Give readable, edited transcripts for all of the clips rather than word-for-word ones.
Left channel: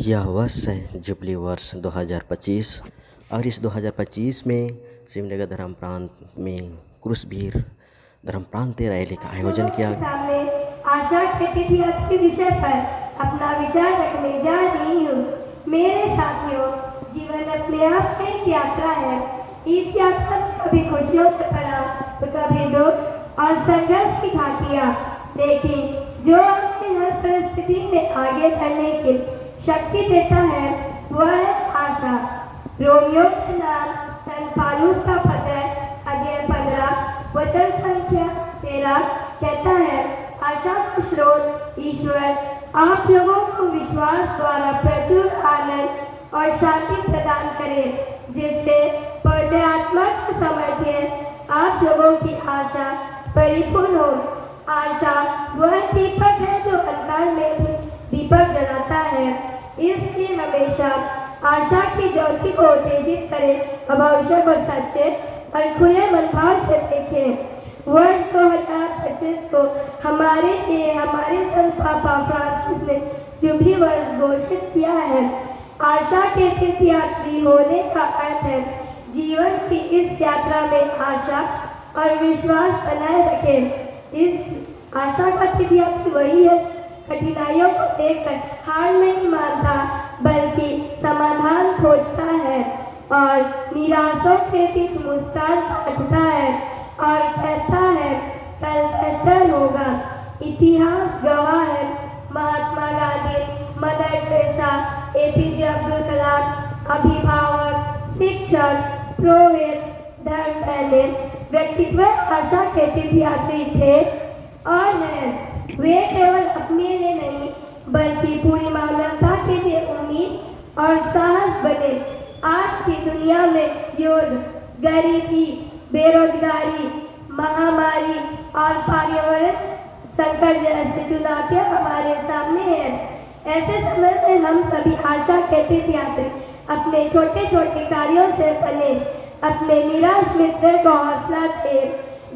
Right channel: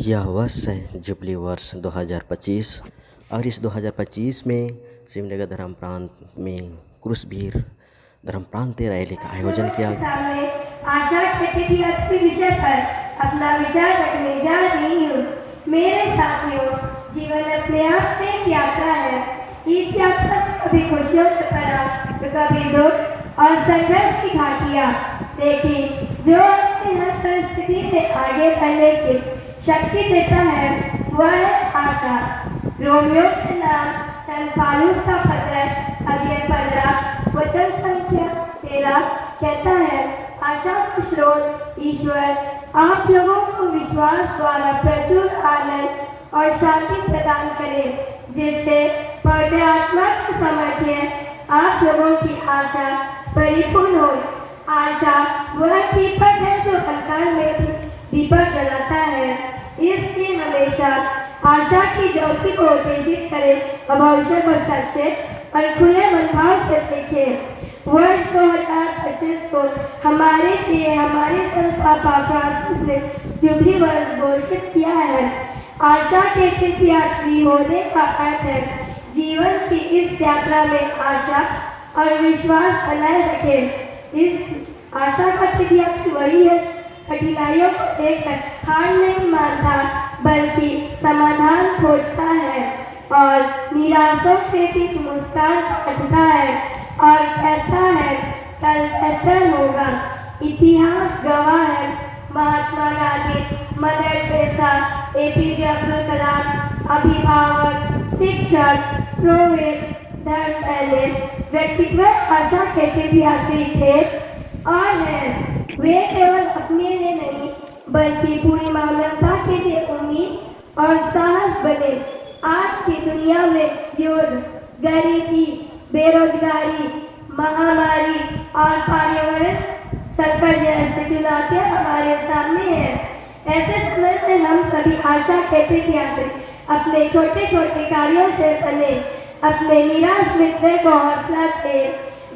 यह वर्ष है जुबली वर्ष 2025 और इस 2025 में सिमडेगा धर्म प्रांत में क्रूसवीर धर्म प्रांतीय रैली का आयोजन किया। सामने आशा खेती के विषय पर अपना विचार रखने जा रही हूँ। मेरे साथियों, जीवन अपने आप में एक यात्रा है। इस यात्रा में कभी खुशियों से भरा तो कभी दुख और संघर्ष की घाटियाँ, लेकिन जो अपनी हर परिस्थिति में आगे बढ़ने की शक्ति देता है वह है आशा। रोमियो के नाम सन पालूस का पत्र अध्याय 15 वचन संख्या 13 कहता है, आशा का स्रोत ईश्वर आप लोगों को विश्वास द्वारा प्रचुर आनंद और शांति प्रदान करे, जिससे पवित्र आत्मा के सामर्थ्य आप लोगों की आशा परिपूर्ण हो। आशा वह दीपक है जो अंधकार में भी दीपक जलाता है, इसलिए हमेशा आशा की ज्योति को उत्तेजित करें और भविष्य को सच्चे और खुले मनभाव से देखें। वर्ष 2025 को हमारे लिए हमारे संत पापा फ्रांसिस ने जुबली वर्ष घोषित किया है। आशा के तीर्थयात्री होने का अर्थ है जीवन की इस यात्रा में आशा और विश्वास बनाए रखें। इस आशा का तीर्थयात्री वही है कठिनाइयों को देखकर हार नहीं मानता, बल्कि समाधान खोजता है और निराशों के बीच मुस्कान काटता है और कहता है कल बेहतर होगा। इतिहास गवाह है, Mahatma Gandhi, Mother Teresa, APJ Abdul Kalam, अभिभावक, शिक्षक, पुरोहित, धर्म पहले व्यक्तित्व आशा के तीर्थयात्री थे और हैं। वे केवल अपने लिए नहीं बल्कि पूरी मानवता के लिए उम्मीद और साहस बने। आज की दुनिया में युद्ध, गरीबी, बेरोजगारी, महामारी और पर्यावरण संकट जैसे चुनौतियां हमारे सामने हैं। ऐसे समय में हम सभी आशा के तीर्थयात्री अपने छोटे छोटे कार्यों से बने, अपने निराश मित्र को हौसला दें,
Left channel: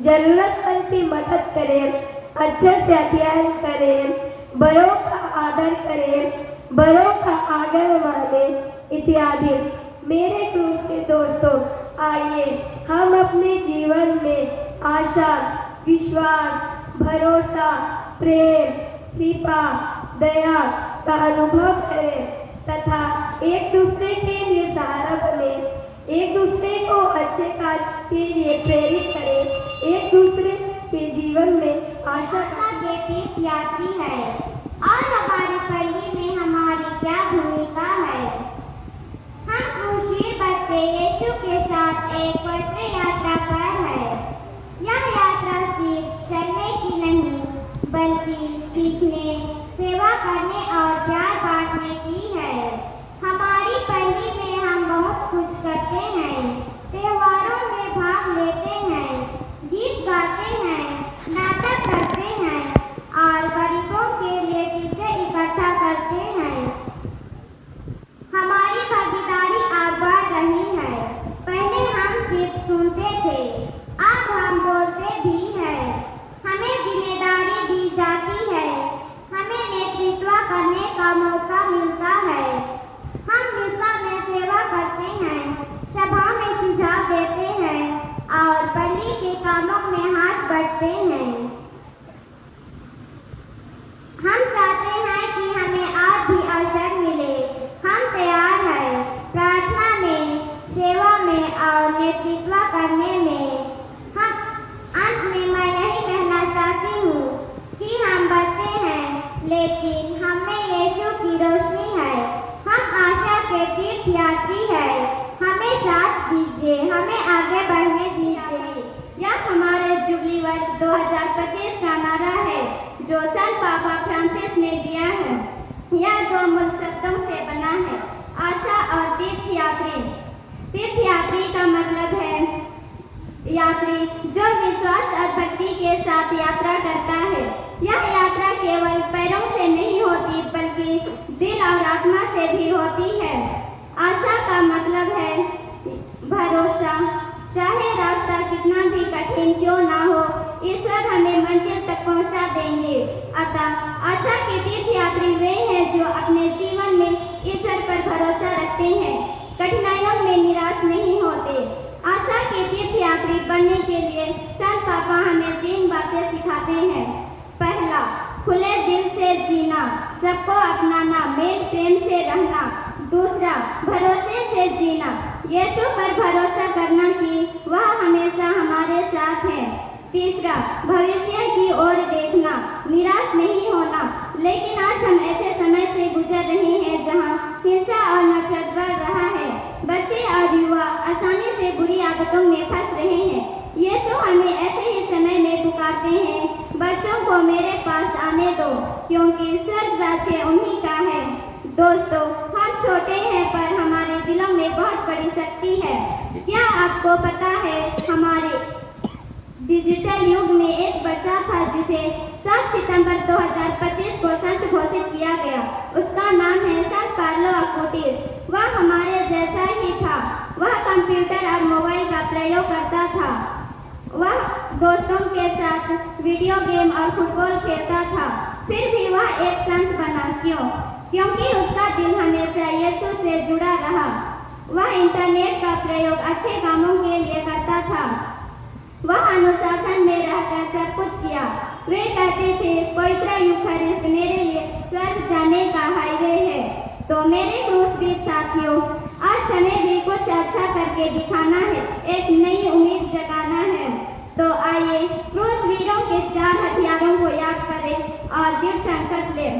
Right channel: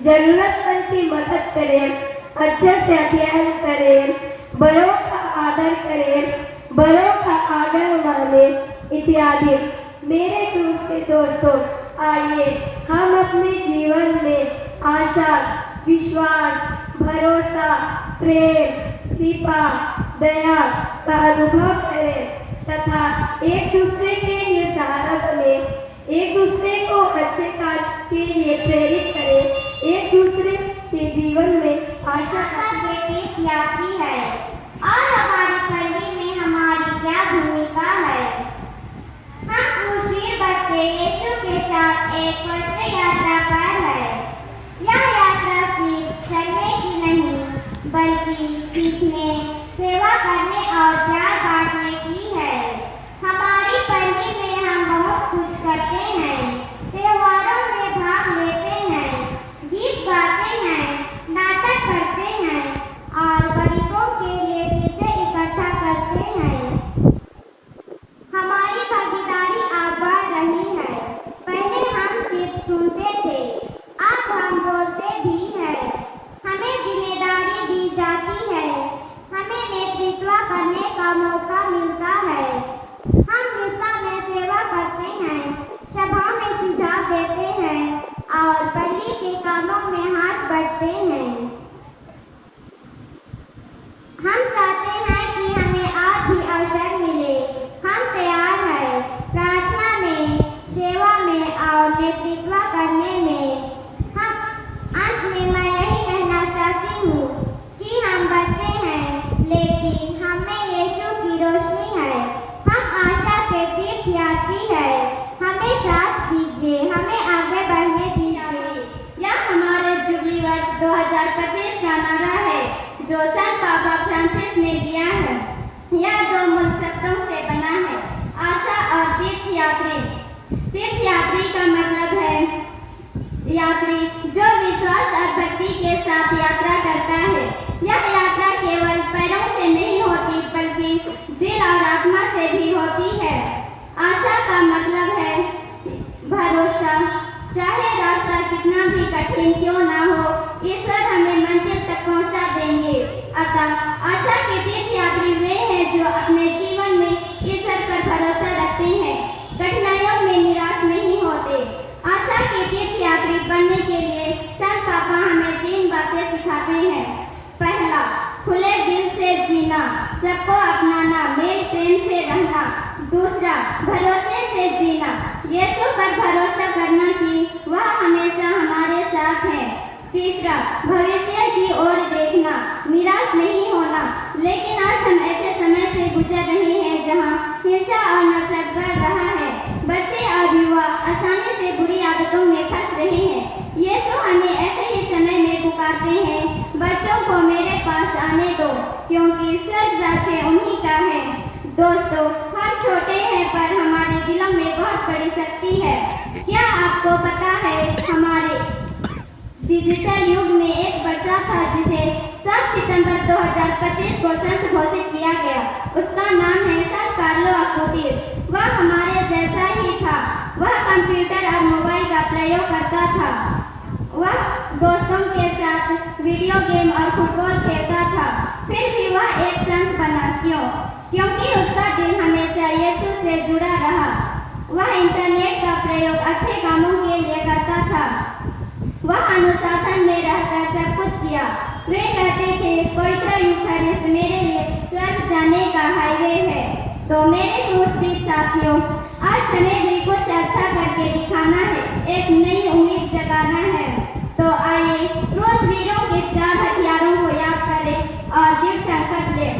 जरूरतमंद की मदद करें, अच्छे से अध्ययन करें, बड़ों का आदर करें, बड़ों का आदर मानें इत्यादि। मेरे क्रूस के दोस्तों, आइए हम अपने जीवन में आशा, विश्वास, भरोसा, प्रेम, कृपा, दया का अनुभव करें तथा एक दूसरे के लिए सहारा बने, एक दूसरे को अच्छे कार्य के लिए प्रेरित करें, एक दूसरे के जीवन में आशा के तीर्थयात्री है और हमारी पल्ली में हमारी क्या भूमिका है। हम क्रूसवीर बच्चे यीशु के साथ एक पवित्र यात्रा पर है। यह यात्रा सिर्फ चलने की नहीं बल्कि सीखने, सेवा करने और प्यार बांटने की है। हमारी पल्ली में हम बहुत कुछ करते हैं, त्योहारों में भाग लेते हैं, गीत गाते हैं, नाटक करते हैं और गरीबों के लिए चीजें इकट्ठा करते हैं। हमारी भागीदारी अब बढ़ रही है। पहले हम सिर्फ सुनते थे, अब हम बोलते भी हैं। हमें जिम्मेदारी दी जाती है, हमें नेतृत्व करने का मौका मिलता है। हम मिसा में सेवा करते हैं, सभा में सुझाव देते हैं और पल्ली के कामों में हाथ बढ़ते हैं। हम चाहते हैं कि हमें आज भी अवसर मिले। हम तैयार हैं प्रार्थना में, सेवा में और नेतृत्व करने में। हम अंत में मैं यही कहना चाहती हूँ कि हम बच्चे हैं लेकिन हमें यीशु की रोशनी है। हम आशा के तीर्थयात्री हैं। हमें साथ दीजिए, हमें आगे बढ़ने दीजिए। यह हमारे जुबली वर्ष 2025 का नारा है जो संत पापा फ्रांसिस ने दिया है। यह दो मूल शब्दों से बना है, आशा और तीर्थयात्री। तीर्थयात्री का मतलब है यात्री जो विश्वास और भक्ति के साथ यात्रा करता है। यह यात्रा केवल पैरों से नहीं होती बल्कि दिल और आत्मा से भी होती है। आशा का मतलब है भरोसा। चाहे रास्ता कितना भी कठिन क्यों ना हो, ईश्वर हमें मंजिल तक पहुंचा देंगे। अतः आशा के तीर्थयात्री वे हैं जो अपने जीवन में इस खाना, मेल प्रेम से रहना। दूसरा, भरोसे से जीना, यीशु पर भरोसा करना कि वह हमेशा हमारे साथ है। तीसरा, भविष्य की ओर देखना, निराश नहीं होना। लेकिन आज हम ऐसे समय से गुजर रहे हैं जहां हिंसा और नफरत बढ़ रहा है। बच्चे और युवा आसानी से बुरी आदतों में फंस रहे हैं। यीशु हमें ऐसे ही समय में पुकारते हैं, बच्चों को मेरे पास आने दो, क्योंकि स्वर्ग राज्य उन्हीं का है। दोस्तों, हम छोटे हैं पर हमारे दिलों में बहुत बड़ी शक्ति है। क्या आपको पता है, हमारे डिजिटल युग में एक बच्चा था जिसे 7 सितंबर 2025 को संत घोषित किया गया। उसका नाम है संत कार्लो अक्यूटिस। वह हमारे जैसा ही था। वह कंप्यूटर और मोबाइल का प्रयोग करता था। वह दोस्तों के साथ वीडियो गेम और फुटबॉल खेलता था। फिर भी वह एक संत बना। क्यों? क्योंकि उसका दिल हमेशा यीशु से जुड़ा रहा। वह इंटरनेट का प्रयोग अच्छे कामों के लिए करता था। वह अनुशासन में रहकर सब कुछ किया। वे कहते थे, पवित्र यूखरिस्ट मेरे लिए स्वर्ग जाने का हाईवे है। तो मेरे क्रूसबीर साथियों, आज हमें भी कुछ अच्छा करके दिखाना है, एक नई उम्मीद जगाना है। तो आइए क्रूसबीरों के 4 हथियारों को याद करें और दृढ़ संकल्प लें।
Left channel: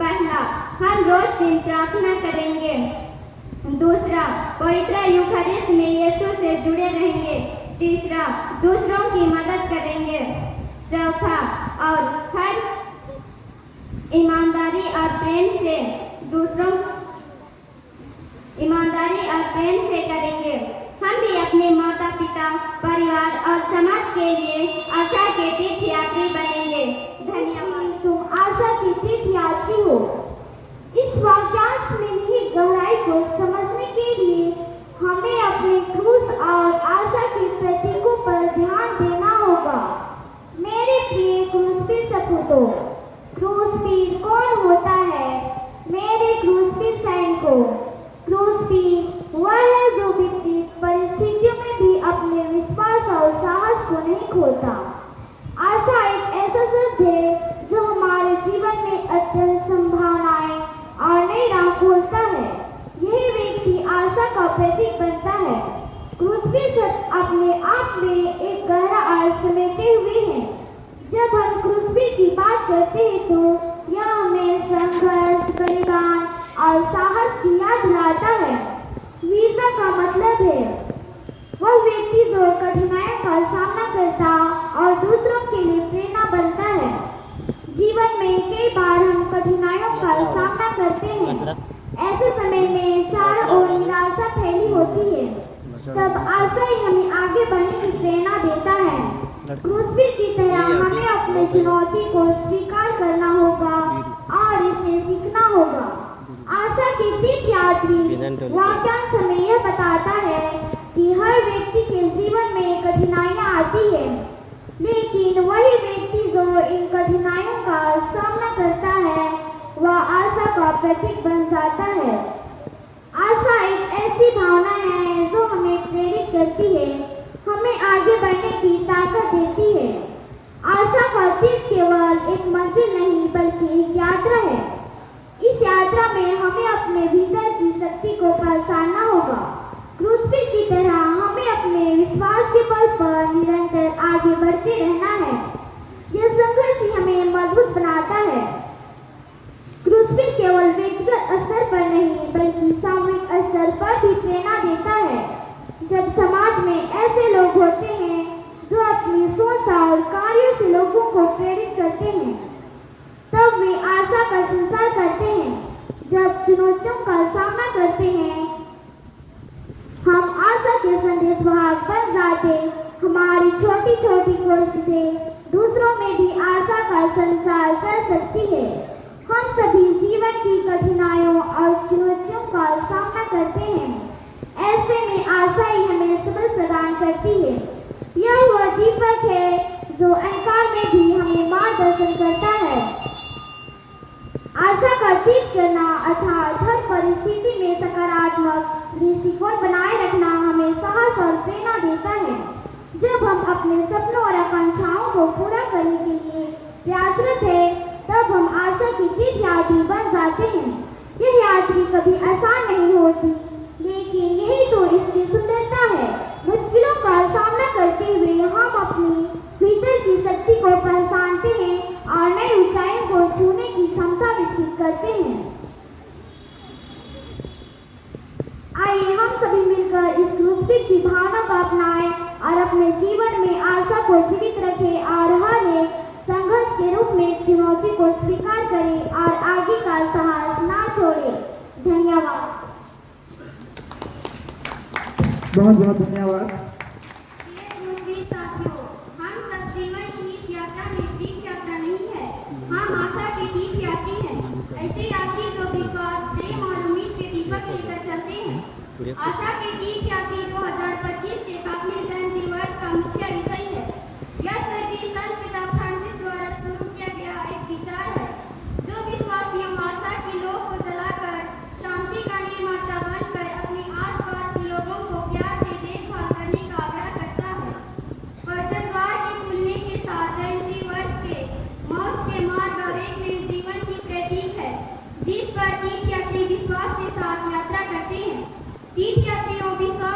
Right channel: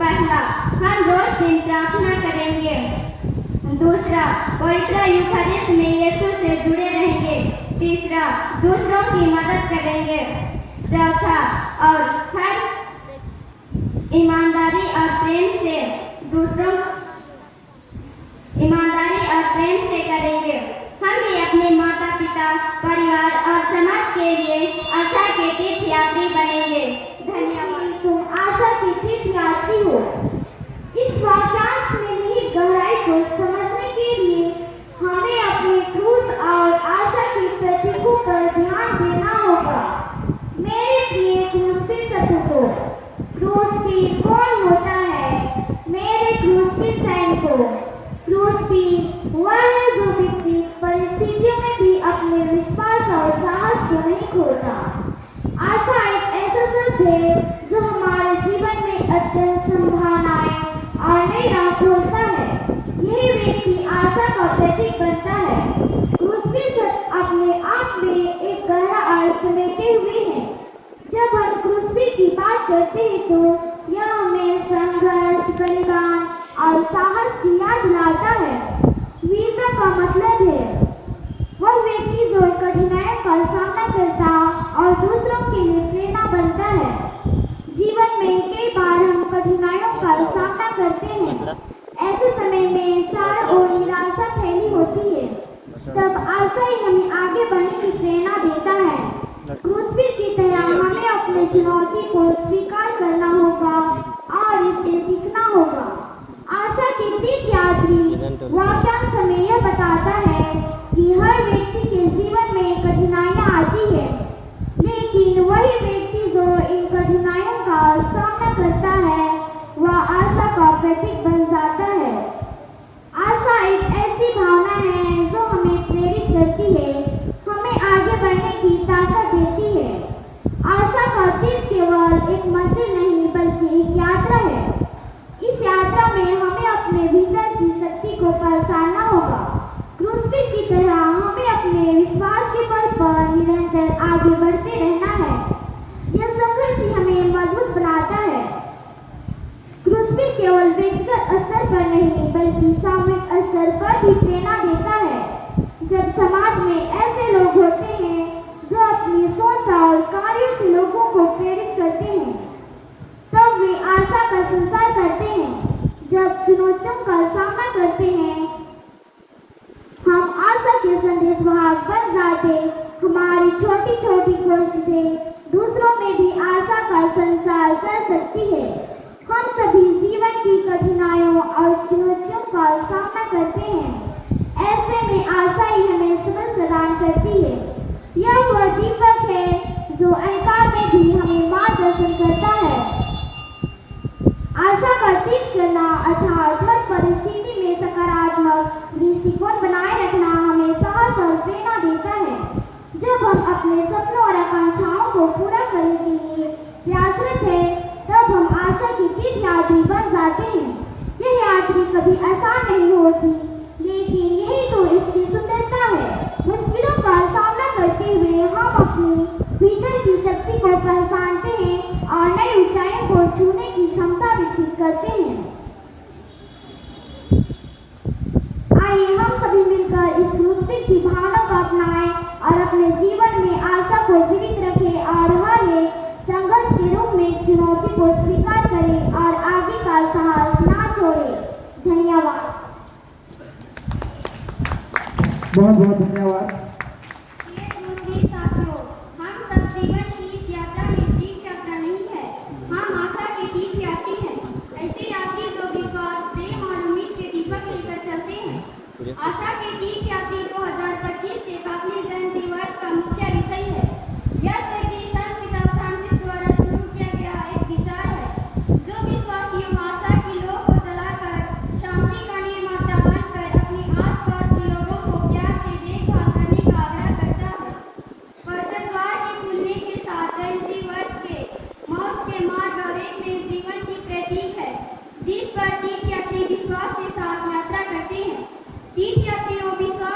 पहला, हम रोज दिन प्रार्थना करेंगे। दूसरा, पवित्र यूखरिस्ट में यीशु से जुड़े रहेंगे। तीसरा, दूसरों की मदद करेंगे। चौथा, और हर ईमानदारी और प्रेम से करेंगे। हम भी अपने माता पिता, परिवार और समाज के लिए आशा के तीर्थयात्री बनेंगे। धन्यवाद। तुम आशा की तीर्थयात्री हो। इस वाक्यांश में निहित गहराई को समझने के लिए हमें अपने क्रूस और आशा के प्रतीकों पर ध्यान देना होगा। मेरे प्रिय क्रूसबीर सपूतों, क्रूसबीर कौन होता है? मेरे क्रूसबीर सैनिकों, क्रूसबीर वह है जो विपरीत परिस्थितियों में भी अपने विश्वास और साहस को नहीं खोता। आशा एक ऐसा शब्द है जो हमारे जीवन में अत्यंत संभावनाएं और नई राह खोलता है। यही व्यक्ति आशा का प्रतीक बनता है। क्रूसबीर शब्द अपने आप में एक गहरा अर्थ समेटे हुए हैं। जब हम क्रूसबीर की बात करते हैं तो यह हमें संघर्ष, बलिदान और साहस की याद दिलाता है। वीरता का मतलब है वह व्यक्ति जो कठिनाइयों का सामना करता और दूसरों के लिए प्रेरणा बनता है। जीवन में कई बार हम कठिनाइयों का सामना करते हैं। ऐसे समय में चारों ओर निराशा फैली होती है। तब आशा ही हमें आगे बढ़ने की प्रेरणा देता है। क्रूसबीर की तरह हमें अपनी चुनौती को स्वीकार करना होगा और इससे सीखना होगा। आशा की तीर्थयात्री वाक्यांश हमें यह बताता है कि हर व्यक्ति के जीवन में कठिनाइयां आती है, लेकिन वही व्यक्ति जो इन कठिनाइयों का सामना करता है वह आशा का प्रतीक बन जाता है। आशा एक ऐसी भावना है जो हमें प्रेरित करती है, हमें आगे बढ़ने की ताकत देती है। आशा का तीर्थ केवल एक मंजिल नहीं बल्कि एक यात्रा है। इस यात्रा में हमें अपने भीतर की शक्ति को पहचानना होगा। क्रूसबीर की तरह हमें अपने विश्वास के पल पर निरंतर आगे बढ़ते रहना है। यह संघर्ष ही हमें मजबूत बनाता है। क्रूसबीर केवल व्यक्तिगत स्तर पर नहीं बल्कि सामूहिक स्तर पर भी प्रेरणा देता है। जब समाज में ऐसे लोग होते हैं जो अपनी सोच और कार्यों से लोगों को प्रेरित करते हैं, तब वे आशा का संचार करते हैं। जब चुनौतियों का सामना करते हैं, हम आशा के संदेशवाहक बन जाते। हमारी छोटी छोटी कोशिशें दूसरों में भी आशा का संचार कर सकती है। हम सभी जीवन की कठिनाइयों और चुनौतियों का सामना करते हैं। ऐसे में आशा ही हमें सबल प्रदान करती है। यह वह दीपक है जो अंधकार में भी हमें मार्गदर्शन करता है। आशा का तीर्थ करना अर्थात हर परिस्थिति में सकारात्मक दृष्टिकोण बनाए रखना हमें साहस और प्रेरणा देता है। जब हम अपने सपनों और आकांक्षाओं को पूरा करने के लिए प्रयासरत हैं, तब हम आशा की तीर्थयात्री बन जाते हैं। यह यात्री कभी आसान नहीं होती, लेकिन यही तो इसकी सुंदरता है। मुश्किलों का सामना करते हुए हम अपनी भीतर की शक्ति को पहचानते हैं और नई ऊंचाइयों को छूने की क्षमता विकसित करते हैं। आइए हम सभी मिलकर इस क्रूसफिक की भावना को अपनाएं और अपने जीवन में आशा को जीवित रखें और हर एक संघर्ष के रूप में चुनौती को स्वीकार करें और आगे का साहस ना छोड़ें। धन्यवाद। बहुत बहुत धन्यवाद। साथियों, हम सब जीवन की इस यात्रा में तीर्थ यात्रा नहीं है, हम आशा के तीर्थ यात्री हैं। ऐसे यात्री जो विश्वास, प्रेम और उम्मीद के दीपक लेकर चलते हैं। आशा के तीर्थ यात्री 2025 के खातने जयंती वर्ष का मुख्य विषय है। यह स्वर्गीय संत पिता फ्रांसिस द्वारा शुरू किया गया एक विचार है, जो विश्वासियों आशा की लौ को जलाकर शांति का निर्माता बनकर अपने आसपास के लोगों को प्यार से देखभाल करने का आग्रह करता है। पवित्र द्वार के खुलने के साथ जयंती वर्ष के मौज के मार्ग और एक नए जीवन की प्रतीक है, जिस पर तीर्थयात्री विश्वास के साथ यात्रा करते हैं। तीर्थयात्रियों विश्वास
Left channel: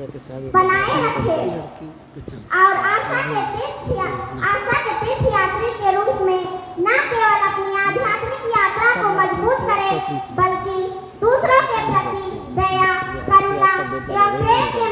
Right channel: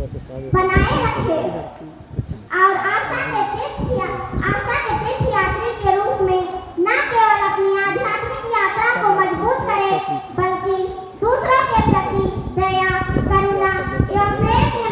बनाए रखे और आशा के तीर्थयात्री के रूप में न केवल अपनी आध्यात्मिक यात्रा को मजबूत करे, बल्कि दूसरों के प्रति दया, करुणा एवं प्रेम के